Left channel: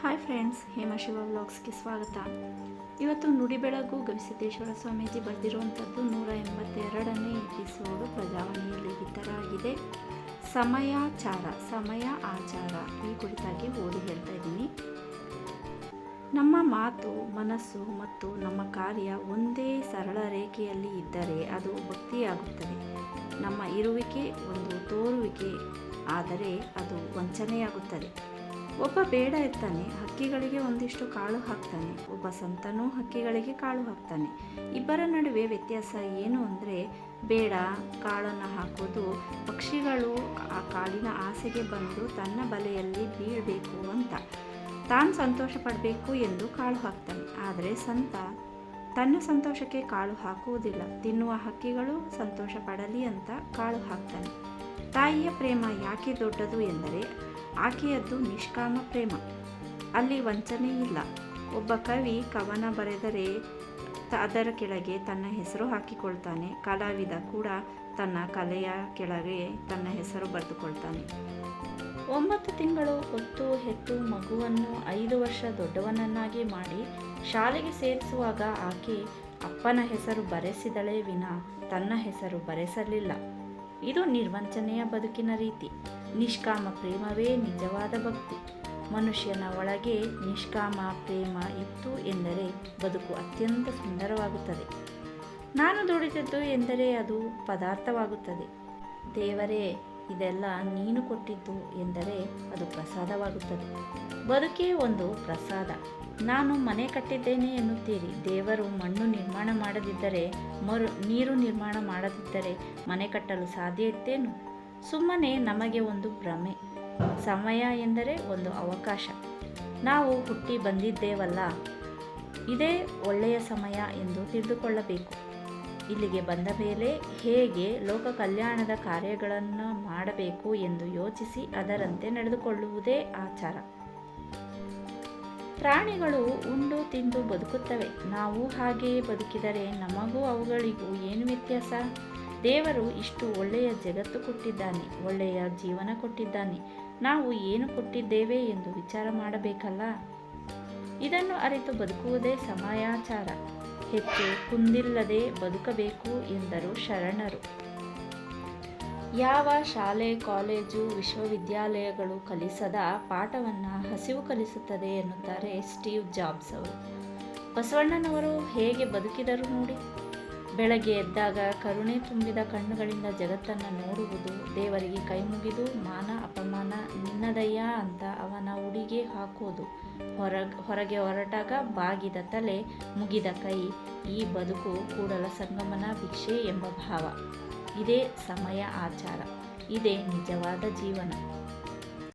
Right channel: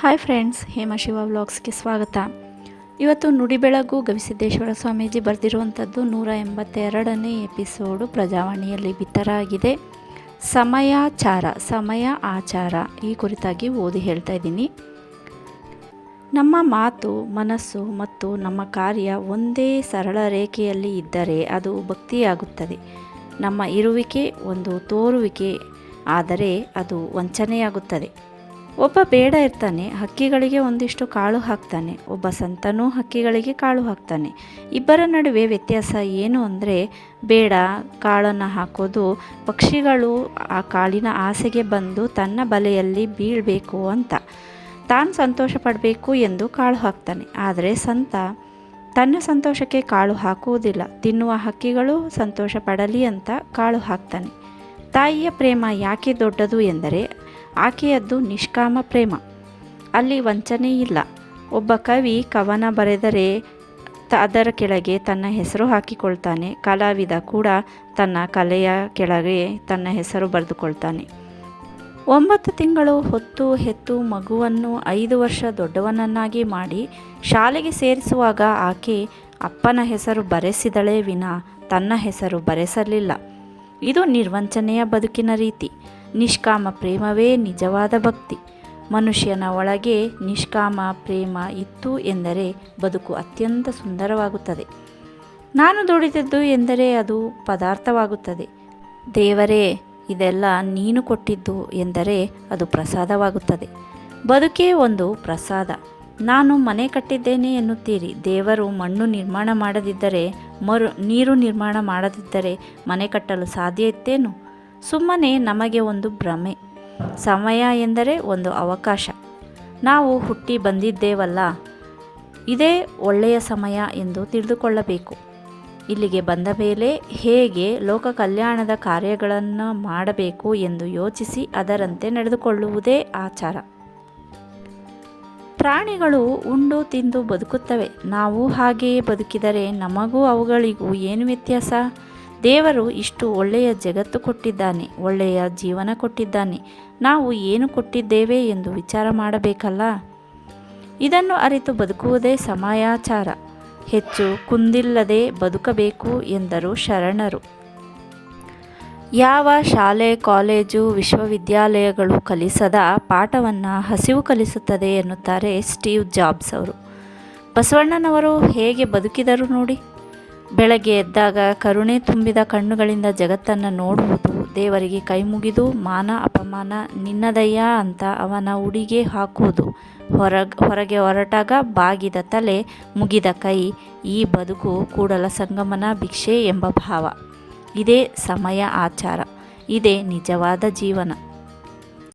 Hi friends ಹೇಮಶಿವ ವ್ಲಾಗ್ಸ್ಗೆ ಸ್ವಾಗತ. ಇವತ್ತು ನುಡಿ ಬೆಳಗು ಗವಿಸಿದ್ದೇಶ್ವರ ಸ್ವಾಮೀಜಿ ಬರೆದಿರುವಂಥದ್ದು ನೂರ ಎಂಬತ್ತೆರಡನೇ ಎಪಿಸೋಡು ಪ್ರಜಾವಾಣಿಯಲ್ಲಿ ಬಿತ್ತರ ಆಗಿದೆ ಸಮಯಾಚಾರ ಸಮಯ ಆಚಾರ ಈ ಕುರಿತಾಗಿ ಓದಿ ಹೇಳ್ತಾ ಇದ್ದೀನಿ. ನಮ್ಮ ಮಾತು, ಮನಸ್ಸು ಮತ್ತು ನಮ್ಮ ಕಾರ್ಯ ಒಂದೇ ಸರಳ ರೇಖೆಯಲ್ಲಿ ಇದ್ದರೆ ಅದು ಭಕ್ತಿಯಾಗುತ್ತದೆ. ನಮ್ಮ ಇರುವಿಕೆ ಒಂದು ತೋರುವಿಕೆ, ಆದರೆ ಅದು ವಂಚನೆಯಾಗುತ್ತದೆ. ಒಬ್ಬ ಬೇಡ ಇರ್ತಾನೆ, ಹಕ್ಕಿಗಳಿಗೆ ಒಂದಿಷ್ಟು ಕಾಳು ಹಾಕ್ತಾನೆ, ಒಬ್ಬ ಸಂತನೂ ಹಕ್ಕಿಗಳಿಗೆ ಕಾಳು ಹಾಕ್ತಾನೆ. ಇಬ್ಬರ ನಡುವೆ ವ್ಯತ್ಯಾಸ ಏನು ಅಂದರೆ, ಬೇಡ, ಕಾಳನ್ನು ಹಾಕೋದು, ಪಕ್ಷಿಗಳು ಆ ಕಾಳಿನ ಆಸೆಗೆ ಬಂದು ತನ್ನ ಬಲೆಯಲ್ಲಿ ಬೀಳಬೇಕು ಅಂತ. ತಾನು ಸಂತೋಷ ಪಡಬೇಕು ಎಂದು ಕಾಳು ಹಾಕ್ತಾನೆ, ಆದರೆ ಸಂತ ತನ್ನ ಸಂತೋಷಕ್ಕೆ ಕಾಳು ಹಾಕುವುದಿಲ್ಲ. ತಿನ್ನುವ ಹಕ್ಕಿಗಳು ಸಂತೋಷ ಪಡಲಿ ಅಂತ ಕಾಳು ಹಾಕ್ತಾನೆ. ತಾಯಿಯ ಪ್ರೇಮ ಯಾಕೆ ದೊಡ್ಡದು ಎಂದರೆ ಆಕೆಯದ್ದು ನಿಷ್ಕಾಮ ಪ್ರೇಮ. ಅಲ್ಲಿ ವಂಚನೆ ಇಲ್ಲ. ಒಬ್ಬ ಕವಿ ಕವನ ಬರೆದರೆ ತ ಅದರ ಕೆಳಗೆ ತನ್ನ ಹೆಸರು ಹಾಕಿಕೊಳ್ತಾನೆ. ಕಲಾವಿದ ಕೂಡ ತನ್ನ ಕಲೆಯ ಕೆಳಗೆ ತನ್ನ ಹೆಸರು ಬರೆದುಕೊಳ್ತಾನೆ. ಒಂಬತ್ತು ತಿಂಗಳು ಹೊತ್ತು ಹೆತ್ತು ಮಗುವನ್ನು ಐದು ವರ್ಷ ದೊಡ್ಡವನನ್ನಾಗಿ ಮಾಡಿ ಶಾಲೆಗೆ ಸೇರಿಸುವಾಗ ಆಕೆ ಅಪ್ಪನ ಹೆಸರು ಬರೆಸಿದಳೇ ವಿನ, ತನ್ನ ಹೆಸರು ಬರೆಸಲಿಲ್ಲ. ಇದು ನಿರ್ವಂಚನೆಯ ಬದುಕಿನ ರೀತಿ. ನಿಷ್ಕಾಮ ಪ್ರೇಮವೇ ನಿಜವಾದ ಭಕ್ತಿ. ಮನುಷ್ಯನ ಒಳಗೆ ನಿಷ್ಕಾಮ ಪ್ರೇಮ ಇತ್ತು ಎಂದರೆ ಬದುಕು ಅತ್ಯಂತ ಸುಂದರವಾಗುತ್ತದೆ. ನಾನು ದುಡಿದದ್ದು ಎಂದರೆ ಅದು ಪದಾರ್ಥವಾಗುತ್ತದೆ. ದೇವರೇ, ಇದೆಲ್ಲ ನೀನು ಕೊಟ್ಟಿದ್ದು ಎಂದರೆ ಅದು ಪ್ರಸಾದವಾಗುತ್ತದೆ. ಬದುಕೇ ಒಂದು ಪ್ರಸಾದ. ನಾನು ಮನೆ ಕಟ್ಟಿದ್ದೇನೆ ಎನ್ನುತ್ತೀರಿ. ದೇವರು ಮಣ್ಣು ನಿರ್ಮಾಣ ಮಾಡದಿದ್ದರೆ, ಮರು ನೀರು ನಿರ್ಮಾಣ ಮಾಡದಿದ್ದರೆ ಮನೆ ಕಟ್ಟಲು ಸಾಧ್ಯ ಇತ್ತೇನು? ಸುಮ್ಮನೆ ನಮಗೆ ಒಂದು ಭ್ರಮೆ. ಸಮಯ ಎಂದರೆ ಒಂದು ಅವಕಾಶ. ನಾವು ಹುಟ್ಟಿ ಬಂದಿದ್ದೇವಲ್ಲ, ಇದೇ ಒಳ್ಳೆಯ ಸಮಯ ಎಂದು ತಿಳಿದುಕೊಳ್ಳಬೇಕು. ಇಲ್ಲಿಗೆ ಬಂದ ಮೇಲೆ ಹೇಗೆ ಲೋಕ ಕಲ್ಯಾಣದ ಕಾರ್ಯಗಳನ್ನು ಮಾಡಬೇಕು ಎಂದು ಯೋಚಿಸಿ ಅದರಂತೆ ನಡೆದುಕೊಳ್ಳುವುದೇ ಆಚಾರ. ಪ್ರಾಣಿಗಳು ಉಂಡು ತಿಂದು ಬದುಕುತ್ತವೆ. ನಾವು ಹಾಗೆಯೇ ಬದುಕಿದರೆ ನಮಗೂ ಅವುಗಳಿಗೂ ಏನು ವ್ಯತ್ಯಾಸ? ದೇವರು ಇಷ್ಟು ಒಳ್ಳೆಯ ಜಗತ್ತು ಕೊಟ್ಟಿದ್ದಾನೆ, ಒಳ್ಳೆಯ ಜೀವನ ಕೊಟ್ಟಿದ್ದಾನೆ. ನಾವು ಏನು ಕೊಟ್ಟಿದ್ದೇವೆ ಎಂದು ವಿಚಾರ ಮಾಡಬೇಕಲ್ಲ? ಇದನ್ನು ಅರಿತು ಬದುಕುವುದೇ ಸಮಯಾಚಾರ. ಹೆಚ್ಚು ಕುಂದಿಲ್ಲದೆ ಬದುಕಬೇಕು ಎಂದರು ಶರಣರು. ಯಾವ ಶಾಲೆ, ಕಾಲೇಜು, ವಿಶ್ವವಿದ್ಯಾಲಯಗಳು ಕಲಿಸದ ಪಾಠವನ್ನು ಹಸಿವು ಕಲಿಸುತ್ತದೆ ಎನ್ನುತ್ತಾರೆ ಸ್ಟೀವ್ ಜಾಬ್ಸ್ ಅವರು. ಬಸವಣ್ಣನವರು ಹೇಗೆ ಬದುಕಿದರು ನೋಡಿ. ಬೆಳಗ್ಗೆ ಎದ್ದಾಗ ಕರುಣೆ ತುಂಬಿದ ಕಣ್ಣುಗಳಿಂದ ಜಗತ್ತನ್ನು ನೋಡುವುದು, ದೇವರಿಗೆ ಕೈ ಮುಗಿದು ಮಾನ ಅಪಮಾನ ನಿನ್ನದಯ್ಯ ಅಂತ ಅವನ ಉಡಿಗೆ ಹಾಕುವುದು ಹೊರ ಹೊರಗೆ ಹೊರಟಾಗ ಬಾಗಿದ ತಲೆ ಮುಗಿದ ಕೈ, ಈ ಬದುಕು ಕೂಡಲ ಸಂಗಮನ ಭಿಕ್ಷೆ ಎಂಬ ಭಾವ. ಇದೇ ಸಮಯ ಆಚಾರ ಇದೇ ನಿಜವಾದ ಜೀವನ.